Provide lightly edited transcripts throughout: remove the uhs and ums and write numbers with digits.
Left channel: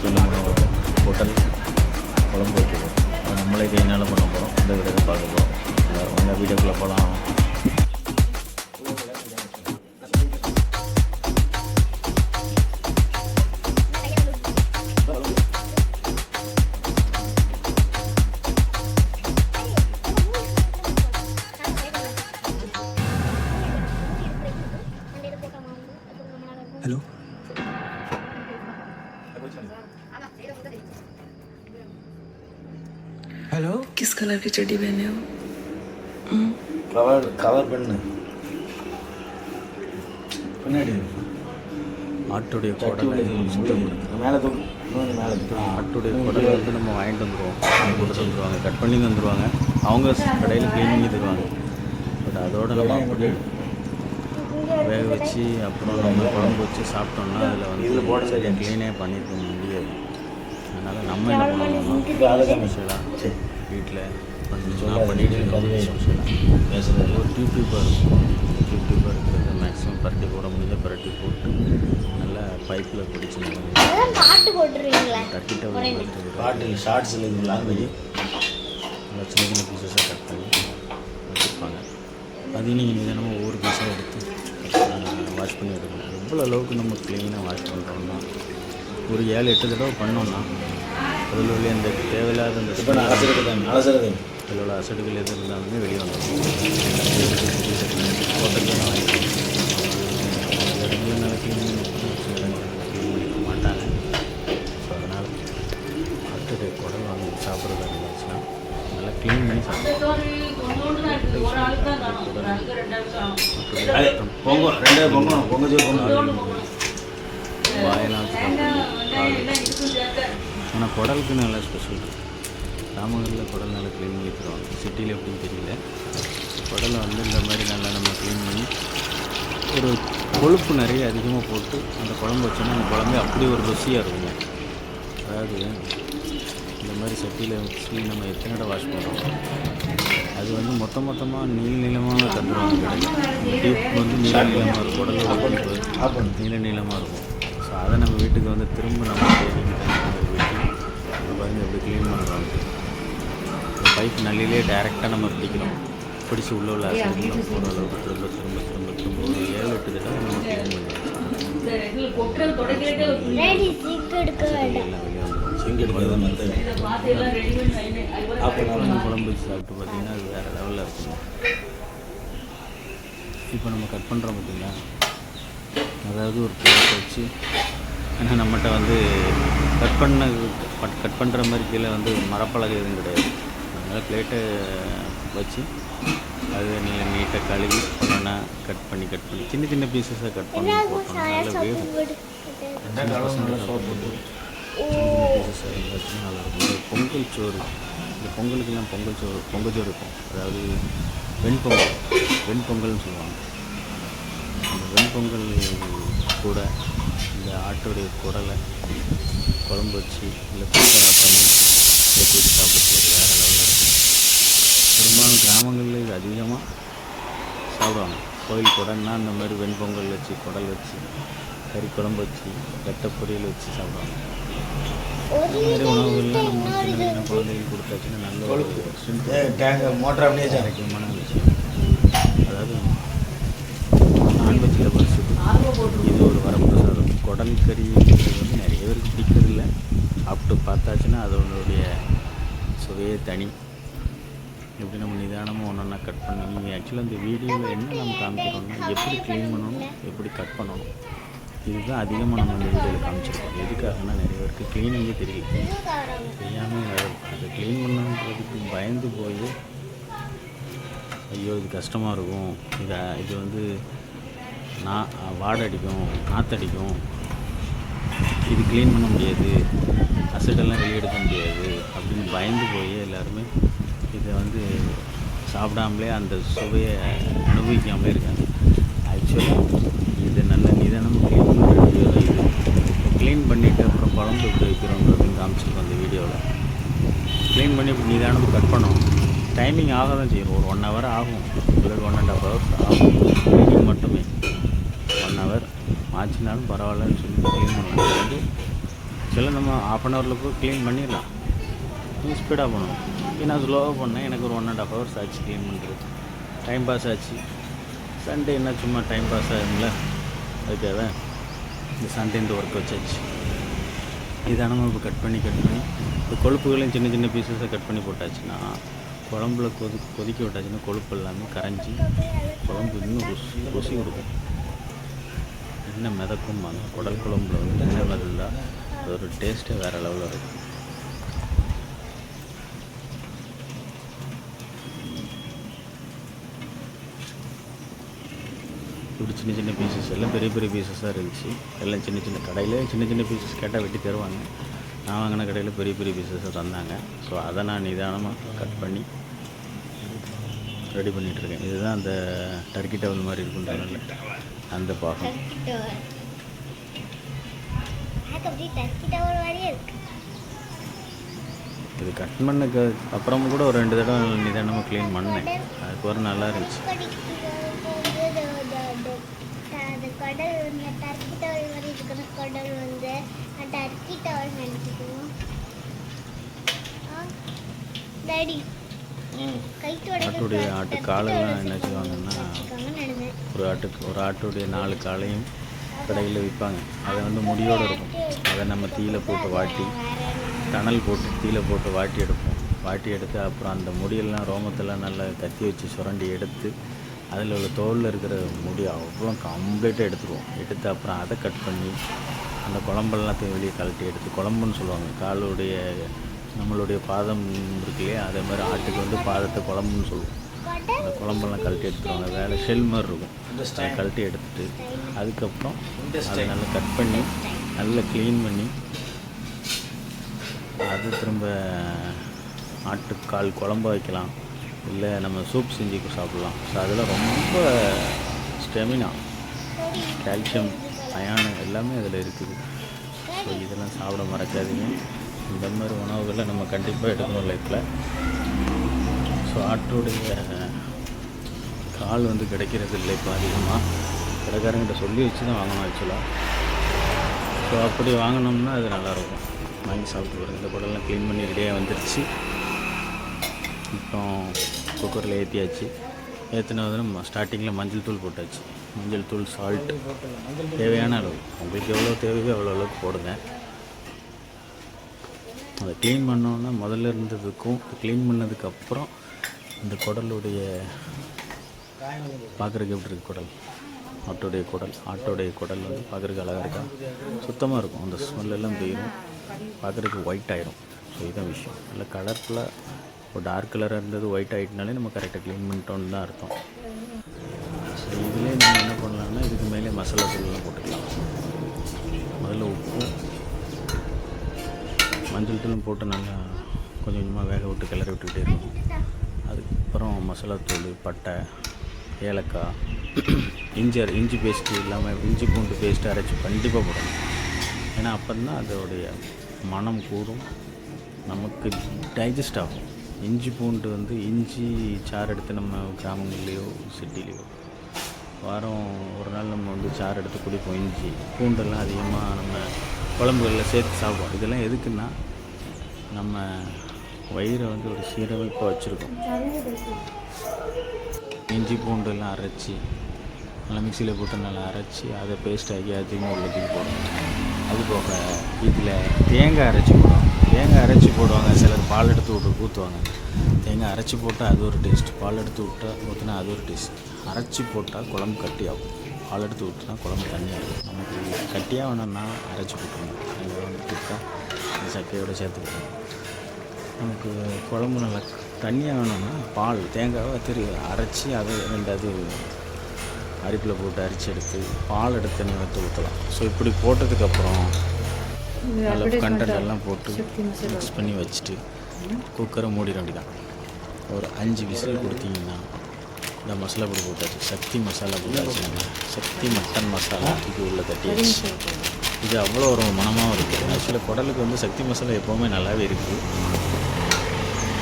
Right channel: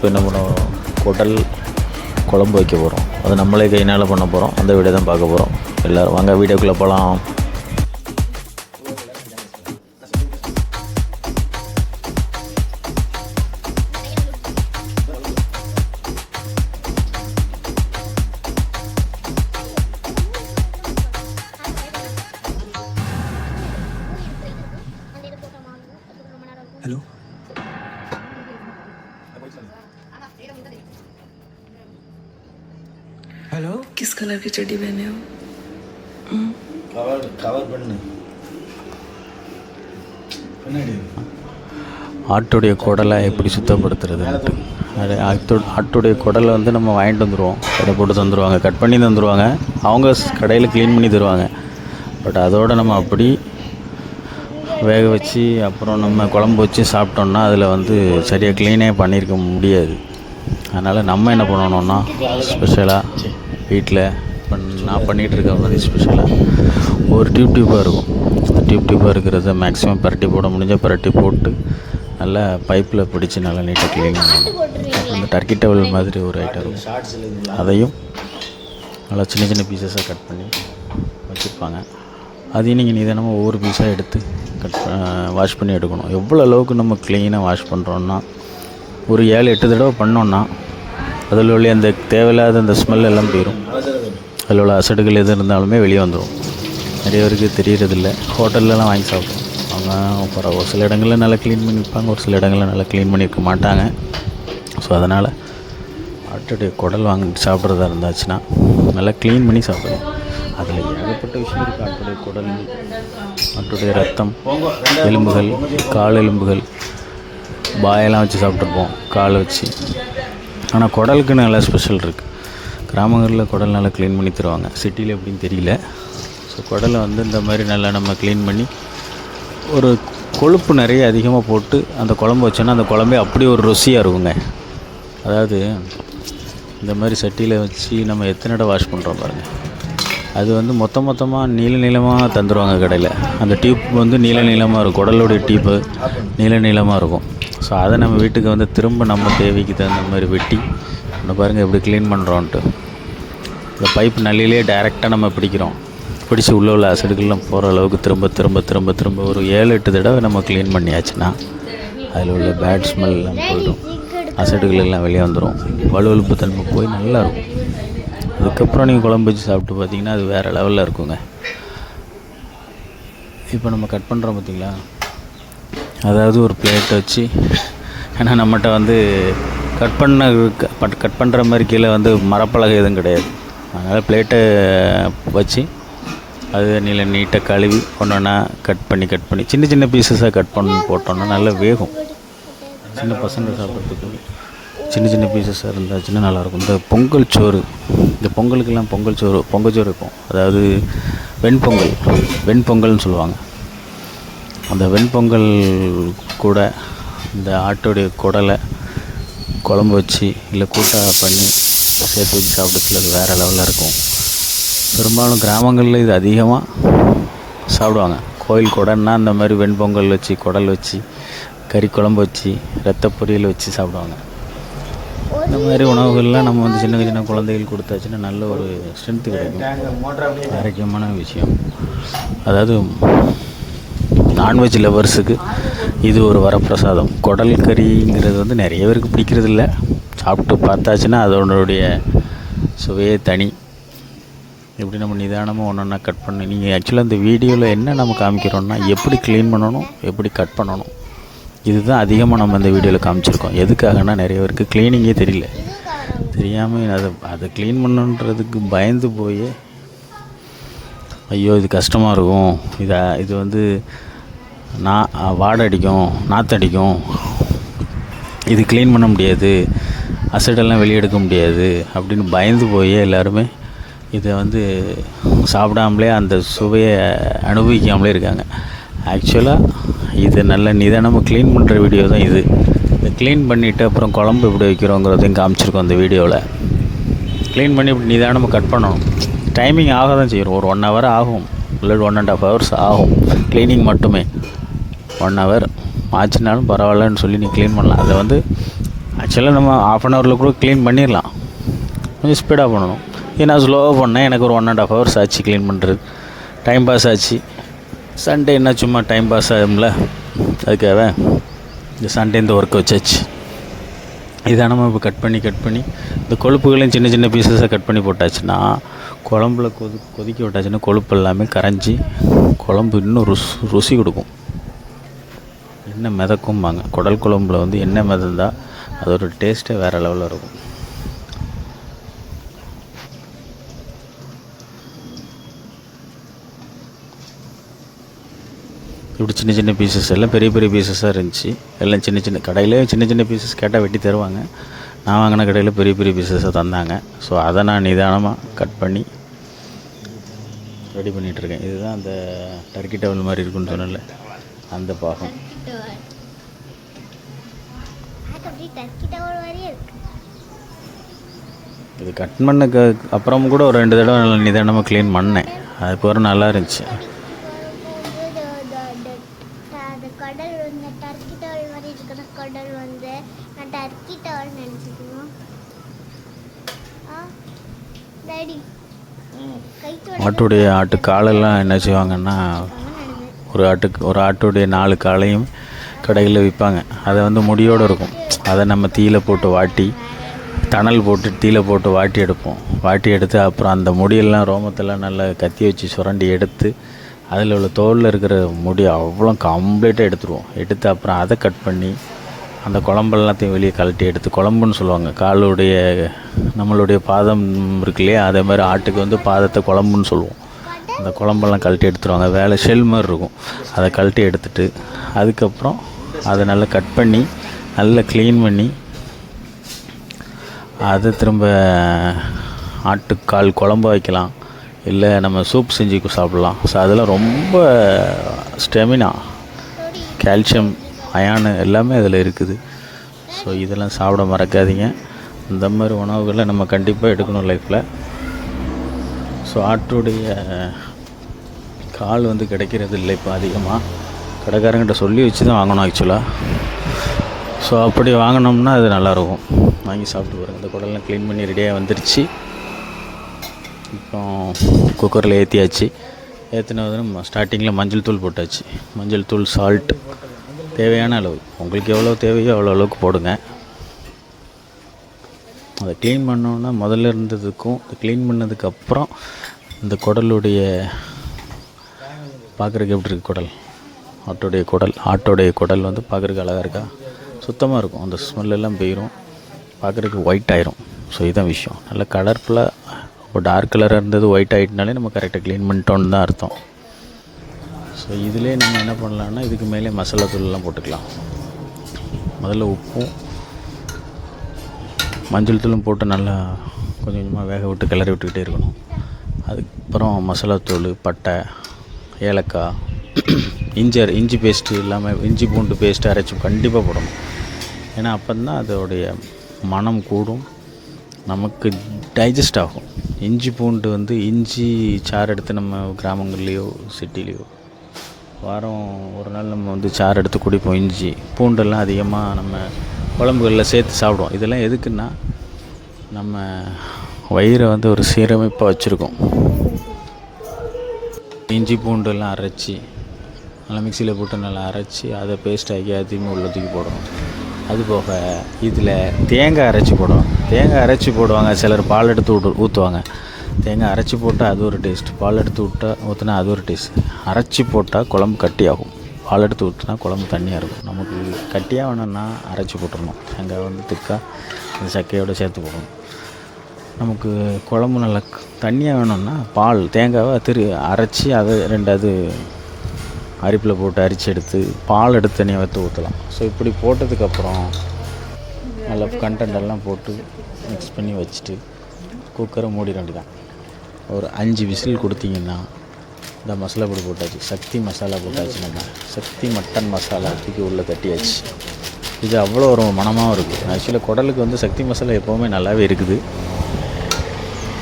இப்போ நம்ம குடல் குழம்பு வைக்க போகிறோம். அது நம்மளே கையினால் பண்ண போகிறோம். அந்த வீடியோ தான் பார்க்க போகிறோம். எல்லோரும் வாங்க வீடியோக்குள்ளே போகலாம். हेलो हेलो किस कलर की चड्डी पहने हो? कवर பண்ணு பின்னாடி ஆட்டுடைய குடலை எப்படி சுத்தப்படுத்துறது? ஆட்டுடைய குடலை வந்து நம்ம வாங்கிட்டு வந்துடுவோம். அதை போட்டு தந்துடுவாங்க, கட் பண்ணி தந்துடுவாங்க. அவங்க கடையில் க்ளீன் பண்ணி தருவாங்க. பட் அதோடு நம்ம அப்படி வேக வச்சு அப்புறம் நம்ம குழம்பு வச்சு சாப்பிட்டோம்னா அதில் வந்து சரியாக க்ளீனே பண்ணியிருக்க முடியாது. அதனால் நம்ம என்ன பண்ணணும்னா ஸ்பெஷலாக வீட்டில் நான் பண்ணிகிட்ருக்க மாதிரி ஸ்பெஷலாக ஒரு டியூப்பாக இருக்கும். டியூப்பாக இருக்கிறத மேக்ஸிமம் பரட்டி போட முடிஞ்சால் பரட்டி போட்டு நல்லா பைப்பில் பிடிச்சி நல்லா நீட்டாக க்ளீன் பண்ணி டர்க்கி டவல் மாதிரி ஒரு ஐட்டம், அதையும் நல்லா சின்ன சின்ன பீசஸாக கட் பண்ணி வச்சுருப்பாங்க. அதையும் நீங்கள் நிதானமாக ஒவ்வொரு பீஸாக எடுத்து வாஷ் பண்ணி எடுக்கணும். எவ்வளோ அளவுக்கு நம்ம க்ளீனாக வாஷ் பண்ணுறோன்னா ஒரு 7-8 தடவை பண்ணோன்னா அதில் உள்ள அந்த தேவையில்லாத அந்த ஸ்மெல் எல்லாம் போயிடும். அதில் உள்ள அசடுகள் எது இருந்தாலுமே வெளியே வந்துடும். நிறைய பேருக்கு தெரியறதில்ல. ஹோட்டல்லலாம் வாங்கி சாப்பிடுவோம். அப்புறம் ஒரு சில இடங்களில் நல்லா க்ளீன் பண்ணியிருப்பாங்க, ஒரு சில இடங்களில் நல்லா க்ளீன் பண்ணியிருக்க மாட்டாங்க. ஸோ அதனால் ஆட்டுடைய குடல் வாங்கி சாப்பிட்றதா இருந்தாச்சுன்னா நல்லா க்ளீன் பண்ணி சாப்பிடணும். அதில் ஏகப்பட்ட விஷயம் இருக்குது. ஆட்டுடைய குடல், ஆட்டுடைய ரத்தம், எலும்புகள், கால் எலும்புகள், பாயெல்லாம் வச்சு சாப்பிட்ருப்போம், கால் வச்சு. ஆனால் குடலுக்கு நல்லா ஸ்பெஷல் இருக்குது. கிராமங்களில் குடல் நல்லா க்ளீன் பண்ணி தருவாங்க. சிட்டியில் எப்படின்னு தெரியல. ஸோ குடலை வந்து இந்த மாதிரி நல்லா நம்ம க்ளீன் பண்ணி ஒரு கொழுப்பு நிறைய அதிகமாக போட்டு அந்த குழம்பு வச்சோன்னா அந்த குழம்பே அப்படி ஒரு ருசியாக இருக்குங்க. அதாவது இந்த மாதிரி சட்டியில் வச்சு நம்ம எத்தனை இடம் வாஷ் பண்ணுறோம் பாருங்கள். அது வந்து மொத்தமாக நீளமாக தந்துடுவாங்க கடையில். அந்த டியூப் வந்து நீளமாக இருக்கும். குடலுடைய டியூப்பு நீளமாக இருக்கும். ஸோ அதை நம்ம வீட்டுக்கு வந்து திரும்ப நம்ம தேவைக்கு தகுந்த மாதிரி வெட்டி நம்ம பாருங்கள் எப்படி க்ளீன் பண்ணுறோன்ட்டு. இந்த பைப் நள்ளிலே டைரெக்டாக நம்ம பிடிச்சி உள்ள அசடுகள்லாம் போகிற அளவுக்கு திரும்ப ஒரு 7-8 தடவை நம்ம க்ளீன் பண்ணியாச்சுன்னா அதில் உள்ள பேட் ஸ்மெல் போயிடும். அசடுகள் எல்லாம் வெளியே வந்துடும். வலுவலுப்பு தன்மை போய் நல்லாயிருக்கும். அதுக்கப்புறம் நீங்கள் குழம்பு வச்சு சாப்பிட்டு பார்த்தீங்கன்னா அது வேறு லெவலில் இருக்குங்க. இப்போ நம்ம கட் பண்ணுறோம் பார்த்திங்களா, அதாவது ஒரு பிளேட்டை வச்சு, ஏன்னா நம்மகிட்ட வந்து கட் பண்ணுற மாதிரி கீழே வந்து மரப்பலகை எதுவும் கிடையாது. அதனால் பிளேட்டை வச்சு அது நீட்டாக கழுவி ஒன்றா கட் பண்ணி சின்ன பீசஸாக கட் பண்ணி போட்டோன்னா நல்லா வேகும். சின்ன பசங்க சாப்பிட்றதுக்கு சின்ன பீசஸாக இருந்தாச்சுன்னா நல்லாயிருக்கும். இந்த பொங்கல் சோறு, இந்த பொங்கலுக்கெல்லாம் பொங்கல் சோறு இருக்கும். அதாவது வெண்பொங்கல்னு சொல்லுவாங்க. அந்த வெண்பொங்கல் கூட இந்த ஆட்டுடைய குடலை குழம்பு வச்சு இல்லை கூட்டாக பண்ணி சேர்த்து வச்சு சாப்பிடுறதுல அது வேறு லெவலில் இருக்கும். பெரும்பாலும் கிராமங்களில் இது அதிகமாக சாப்பிடுவாங்க. கோயில் குடன்னா அந்த மாதிரி வெண்பொங்கல் வச்சு குடல் வச்சு கறி குழம்பு வச்சு ரத்த பொரியல் வச்சு சாப்பிடுவாங்க. இந்த மாதிரி உணவுகள்லாம் நம்ம வந்து சின்ன குழந்தைகள் கொடுத்தாச்சுன்னா நல்ல ஒரு ஸ்ட்ரென்த்து, ஆரோக்கியமான விஷயம். அதாவது நான்வெஜ் லவர்ஸுக்கு இது ஒரு வரப்பிரசாதம். குடல் கறிங்கிறது வந்து நிறைய பேருக்கு பிடிக்கிறதில்ல. சாப்பிட்டு பார்த்தாச்சுன்னா அதனுடைய சுவையே தனி. எப்படி நம்ம நிதானமாக ஒன்றா கட் பண்ணி, நீங்கள் ஆக்சுவலாக இந்த வீடியோவில் என்ன நம்ம காமிக்கிறோன்னா எப்படி க்ளீன் பண்ணணும், எப்படி கட் பண்ணணும், இதுதான் அதிகமாக நம்ம இந்த வீடியோவில் காமிச்சிருக்கோம். எதுக்காகனா நிறைய பேருக்கு க்ளீனிங்கே தெரியாமல் அதை க்ளீன் பண்ணணுன்றதுக்கு பயந்து போய் ஐயோ இது கஷ்டமாக இருக்கும், இது வந்து வாடை அடிக்கும், நாற்றடிக்கும், இது க்ளீன் பண்ண முடியாது, அசடெல்லாம் வெளியெடுக்க முடியாது அப்படின்னு பயந்து போய் எல்லாருமே இதை வந்து சாப்பிடாமலே அந்த சுவையை அனுபவிக்காமலே இருக்காங்க. ஆக்சுவலாக இது நல்ல நிதானமாக க்ளீன் பண்ணுற வீடியோ தான் இது. இதை க்ளீன் பண்ணிவிட்டு அப்புறம் குழம்பு எப்படி வைக்கிறோங்கிறதையும் காமிச்சிருக்கோம் அந்த வீடியோவில். க்ளீன் பண்ணி நிதானமாக கட் பண்ணணும். டைமிங் ஆக தான் செய்யும். ஒரு 1 hour ஆகும், இல்லை 1.5 hours ஆகும் க்ளீனிங் மட்டுமே. 1 hour ஆச்சுனாலும் பரவாயில்லன்னு சொல்லி நீ க்ளீன் பண்ணலாம். அதில் வந்து ஆக்சுவலாக நம்ம ஆஃப் அன் ஹவரில் கூட க்ளீன் பண்ணிடலாம், கொஞ்சம் ஸ்பீடாக பண்ணணும். நான் ஸ்லோவாக பண்ணேன், எனக்கு ஒரு 1.5 hours ஆச்சு க்ளீன் பண்ணுறது. டைம் பாஸ் ஆச்சு. சண்டே என்ன சும்மா டைம் பாஸ் ஆகும்ல, அதுக்காக இந்த சண்டே இந்த ஒர்க்கை வச்சாச்சு. இதான் நம்ம இப்போ கட் பண்ணி இந்த கொழுப்புகளையும் சின்ன சின்ன பீசஸாக கட் பண்ணி போட்டாச்சுன்னா, குழம்புல கொதிக்க விட்டாச்சுன்னா கொழுப்பு எல்லாமே கரைஞ்சி குழம்பு இன்னும் ருசி கொடுக்கும். எண்ணெய் மிதக்கும்பாங்க, குடல் குழம்புல வந்து எண்ணெய் மிதந்தால் அதோட டேஸ்ட்டே வேறு லெவலில் இருக்கும். இப்படி சின்ன சின்ன பீசஸ் எல்லாம் பெரிய பெரிய பீசஸாக இருந்துச்சு. எல்லாம் சின்ன சின்ன கடையில் சின்ன சின்ன பீசஸ் கேட்டால் வெட்டி தருவாங்க. நான் வாங்கின கடையில் பெரிய பெரிய பீசஸாக தந்தாங்க. ஸோ அதை நான் நிதானமாக கட் பண்ணி ரெடி பண்ணிகிட்ருக்கேன். இதுதான் அந்த டர்க்கி டவல் மாதிரி இருக்குன்னு சொன்னல, அந்த பாகம். இது கட் பண்ணக்கு அப்புறம் கூட ஒரு 2 தடவை நிதானமாக க்ளீன் பண்ணேன். அதுக்கு ஒரு நல்லா இருந்துச்சு. ஆட்டுடைய ஆட்டு காலெல்லாம் என்ன செய்வாங்கன்னா, ஒரு ஆட்டுடைய 4 காலையும் கடையில் விற்பாங்க. அதை வந்து முடியோடு இருக்கும். அதை நம்ம தீயில் போட்டு வாட்டி, தணல் போட்டு தீயில் போட்டு வாட்டி எடுப்போம். வாட்டி எடுத்து அப்புறம் அந்த முடியெல்லாம் ரோமத்தெல்லாம் நல்லா கத்தி வச்சு சுரண்டி எடுத்து அதில் உள்ள தோலில் இருக்கிற முடி அவ்வளோ கம்ப்ளீட்டாக எடுத்துருவோம். எடுத்து அப்புறம் அதை கட் பண்ணி அந்த குழம்பெல்லாத்தையும் வெளியே கழட்டி எடுத்து குழம்புன்னு சொல்லுவாங்க. காலுடைய நம்மளுடைய பாதம் இருக்கு இல்லையா, அதே மாதிரி ஆட்டுக்கு வந்து பாதத்தை குழம்புன்னு சொல்லுவோம். அந்த குழம்பெல்லாம் கழட்டி எடுத்துருவாங்க. வேலை ஷெல் மாதிரி இருக்கும். அதை கழட்டி எடுத்துட்டு அதுக்கப்புறம் அதை நல்லா கட் பண்ணி நல்லா க்ளீன் பண்ணி அதை திரும்ப ஆட்டுக்கால் குழம்பு வைக்கலாம், இல்லை நம்ம சூப் செஞ்சு சாப்பிட்லாம். ஸோ அதெல்லாம் ரொம்ப ஸ்டெமினா, கால்சியம், அயானு எல்லாமே அதில் இருக்குது. ஸோ இதெல்லாம் சாப்பிட மறக்காதீங்க. இந்த மாதிரி உணவுகளை நம்ம கண்டிப்பாக எடுக்கணும் லைஃப்பில். ஸோ ஆட்டுடைய கால் வந்து கிடைக்கிறது இல்லை இப்போ அதிகமாக. கடைக்காரங்கிட்ட சொல்லி வச்சு தான் வாங்கணும் ஆக்சுவலாக. ஸோ அப்படி வாங்கினோம்னா அது நல்லாயிருக்கும். வாங்கி சாப்பிட்டு வரும். இந்த குடல்லாம் க்ளீன் பண்ணி ரெடியாக வந்துடுச்சு. இப்போ குக்கரில் ஏற்றியாச்சு. ஏற்றினதும் ஸ்டார்டிங்கில் மஞ்சள் தூள் போட்டாச்சு. மஞ்சள் தூள், சால்ட் தேவையான அளவு, உங்களுக்கு எவ்வளோ தேவையோ அவ்வளோ அளவுக்கு போடுங்க. அதை க்ளீன் பண்ணோன்னா முதல்ல இருந்ததுக்கும் க்ளீன் பண்ணதுக்கப்புறம் இந்த குடலுடைய பார்க்குறதுக்கு எப்படி இருக்குது குடல், ஆட்டோடைய குடல் வந்து பார்க்குறதுக்கு அழகாக இருக்கா, சுத்தமாக இருக்கும். அந்த ஸ்மெல்லெல்லாம் போயிடும், பார்க்குறதுக்கு ஒயிட் ஆயிரும். ஸோ இதுதான் விஷயம். நல்லா கலர்ஃபுல்லாக இப்போ டார்க் கலராக இருந்தது ஒயிட் ஆகிட்டுனாலே நம்ம கரெக்டாக க்ளீன் பண்ணிட்டோன்னு தான் அர்த்தம். ஸோ இதிலே நம்ம என்ன பண்ணலான்னா, இதுக்கு மேலே மசாலா தூள்லாம் போட்டுக்கலாம். முதல்ல உப்பும் மஞ்சள் தூளும் போட்டு நல்லா கொஞ்சம் கொஞ்சமாக வேக விட்டு கிளறி விட்டுக்கிட்டே இருக்கணும். அதுக்கப்புறம் மசாலா தூள், பட்டை, ஏலக்காய், இஞ்சி பேஸ்ட்டு இல்லாமல் இஞ்சி பூண்டு பேஸ்ட்டு அரைச்சி கண்டிப்பாக போடணும். ஏன்னா அப்போ தான் அதோடைய மனம் கூடும், நமக்கு டைஜஸ்ட் ஆகும். இஞ்சி பூண்டு வந்து இஞ்சி சாறு எடுத்து நம்ம கிராமங்கள்லேயோ சிட்டிலேயோ வாரம் ஒரு நாள் நம்ம வந்து சாறு எடுத்து குடிப்போம். இஞ்சி பூண்டெல்லாம் அதிகமாக நம்ம குழம்புகளில் சேர்த்து சாப்பிடுவோம். இதெல்லாம் எதுக்குன்னா, நம்ம வயிறை வந்து ஒரு சீரமைப்பாக வச்சுருக்கோம். இஞ்சி பூண்டெல்லாம் அரைச்சி நல்லா மிக்சியில் போட்டு நல்லா அரைச்சி அதை பேஸ்ட் ஆக்கி அதிகமாக உள்ளத்துக்கு போடணும். அது போக இதில் தேங்காய் அரைச்சி போடுவாங்க. சிலர் பால் எடுத்து ஊற்றுவாங்க. தேங்காய் அரைச்சி போட்டால் அது ஒரு டேஸ்ட், பால் எடுத்து ஊற்றினா அது ஒரு டேஸ்ட். அரைச்சி போட்டால் குழம்பு கட்டியாகும், பால் எடுத்து ஊற்றினா குழம்பு தண்ணியாக இருக்கும். நமக்கு கட்டியாக வேணும்னா அரைச்சி போட்டுடணும். தேங்காய் வந்து திக்காக அந்த சக்கையோடு சேர்த்து போடணும். நமக்கு குழம்பு நல்லா தண்ணியாக வேணும்னா தேங்காவை அரைச்சி அதை 2 அரிப்பில் போட்டு அரிச்சு எடுத்து பால் எடுத்து தண்ணியை வைத்து ஊற்றலாம். ஸோ இப்படி போட்டதுக்கப்புறம் நல்லா கண்டென்ட்டெல்லாம் போட்டு மிக்ஸ் பண்ணி வச்சுட்டு குக்கரை மூடி வேண்டிதான். ஒரு 5 விசில் கொடுத்தீங்கன்னா இந்த மசாலா பொடி போட்டாச்சு, சக்தி மசாலா போட்டாச்சு. நம்ம சக்தி மட்டன் மசாலா தூக்கி உள்ளே கட்டியாச்சு. இது அவ்வளோ ஒரு மனமாகவும் இருக்குது. ஆக்சுவலாக குடலுக்கு வந்து சக்தி மசாலா எப்போவுமே நல்லாவே இருக்குது.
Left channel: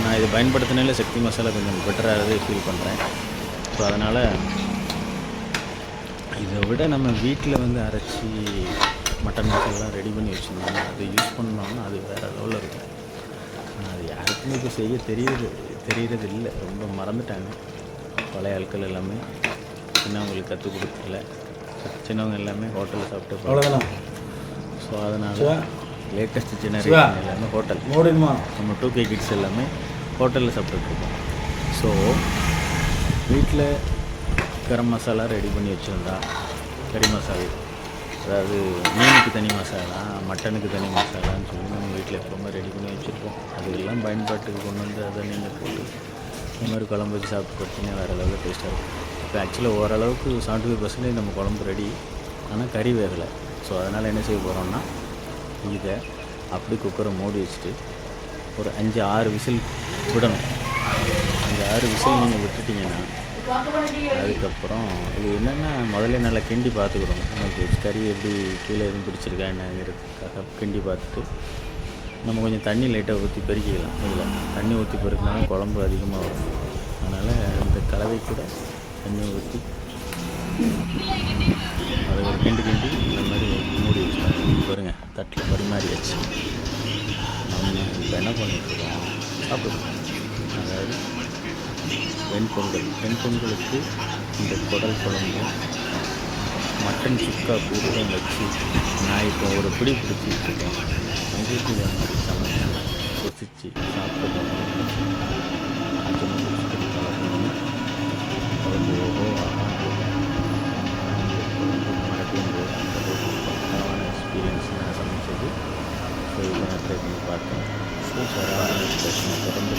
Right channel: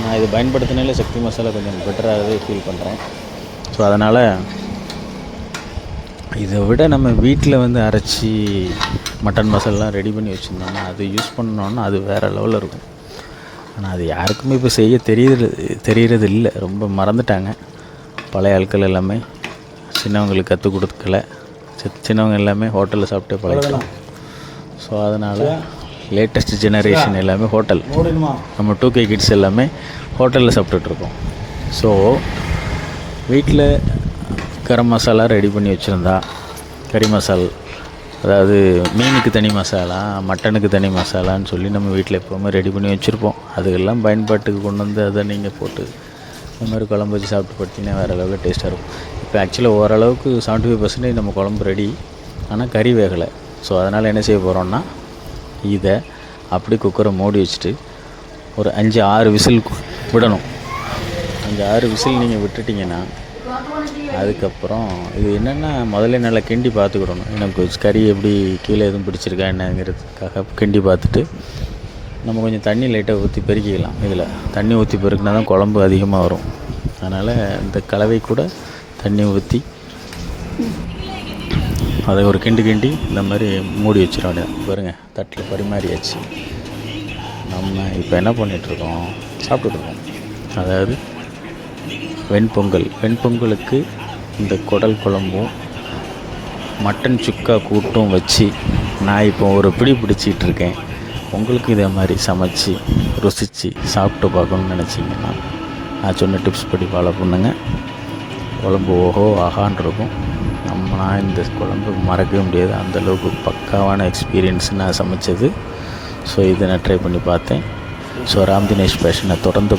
நான் இது பயன்படுத்தினாலே சக்தி மசாலா கொஞ்சம் பெட்டராகவே ஃபீல் பண்ணுறேன். ஸோ அதனால் இதை விட நம்ம வீட்டில் வந்து அரைச்சி மட்டன் மசாலாம் ரெடி பண்ணி வச்சுருந்தோம்னா அது யூஸ் பண்ணோன்னா அது வேறு லெவலில் இருக்கும். ஆனால் அது யாருக்குமே இப்போ செய்ய தெரியறது இல்லை, ரொம்ப மறந்துட்டாங்க. பழைய ஆட்கள் எல்லாமே சின்னவங்களுக்கு கற்றுக் கொடுக்கல, சின்னவங்க எல்லாமே ஹோட்டலில் சாப்பிட்டு பழகலாம். ஸோ அதனால் லேட்டஸ்ட் ஜெனரேஷன் எல்லாமே ஹோட்டல், நம்ம 2K கிட்ஸ் எல்லாமே ஹோட்டலில் சாப்பிட்டுட்ருக்கோம். ஸோ வீட்டில் கரம் மசாலா ரெடி பண்ணி வச்சுருந்தா, கறி மசால், அதாவது மீனுக்கு தனி மசாலா, மட்டனுக்கு தனி மசாலான்னு சொல்லி நம்ம வீட்டில் எப்போவுமே ரெடி பண்ணி வச்சுருப்போம். அதுக்கெல்லாம் பயன்பாட்டுக்கு கொண்டு வந்து அதை நீங்கள் போட்டு இந்த மாதிரி குழம்பு வச்சு சாப்பிட்டு பார்த்தீங்கன்னா வேறு அளவுக்கு டேஸ்ட்டாக இருக்கும். இப்போ ஆக்சுவலாக ஓரளவுக்கு 75% நம்ம குழம்பு ரெடி, ஆனால் கறி வேகலை. ஸோ அதனால் என்ன செய்ய போகிறோன்னா, இதை அப்படி குக்கரை மூடி வச்சுட்டு ஒரு 5-6 விசில் விடணும். 5-6 விசில் நீங்கள் விட்டுட்டிங்கன்னா அதுக்கப்புறம் இது என்னென்னா முதல்ல நல்லா கிண்டி பார்த்துக்கிடணும். எனக்கு கறி எப்படி கீழே எதுவும் பிடிச்சிருக்கா என்னங்கிறதுக்காக கிண்டி பார்த்துட்டு நம்ம கொஞ்சம் தண்ணி லைட்டாக ஊற்றி பெருக்கிக்கலாம். இதில் தண்ணி ஊற்றி பெருக்கினா தான் குழம்பு அதிகமாக வரும். அதனால் இந்த கலவை கூட தண்ணி ஊற்றி அதை ஒரு கிண்டி இந்த மாதிரி மூடி வச்சிடறாங்க. பாருங்க, தட்டில் பரிமாறியாச்சு. நம்ம இப்போ என்ன பண்ணிகிட்ருக்கோம், சாப்பிட்டுருக்கோம். அதாவது வெண்பொங்கலுக்கு இந்த குடல் குழம்பும் மட்டன் சுக்கா கூட்டும் வச்சு நான் இப்போ ஒரு பிடி பிடிச்சிட்டு இருக்கேன். உங்களுக்கு இதே மாதிரி சமைச்சு ருசித்து சாப்பிட்டு பார்க்கணுன்னு நினச்சிங்கன்னா நான் சொன்ன டிப்ஸ் படி ஃபாலோ பண்ணுங்க. குழம்பு ஓஹோ ஆகான்ருக்கும். நான் இந்த குழம்பு மறக்கவே முடியாது, அந்தளவுக்கு பக்காவான எக்ஸ்பீரியன்ஸ் நான் சமைச்சது. ஸோ இதை நான் ட்ரை பண்ணி பார்த்தேன். ஸோ ராம் தினேஷ் பேஷனை தொடர்ந்து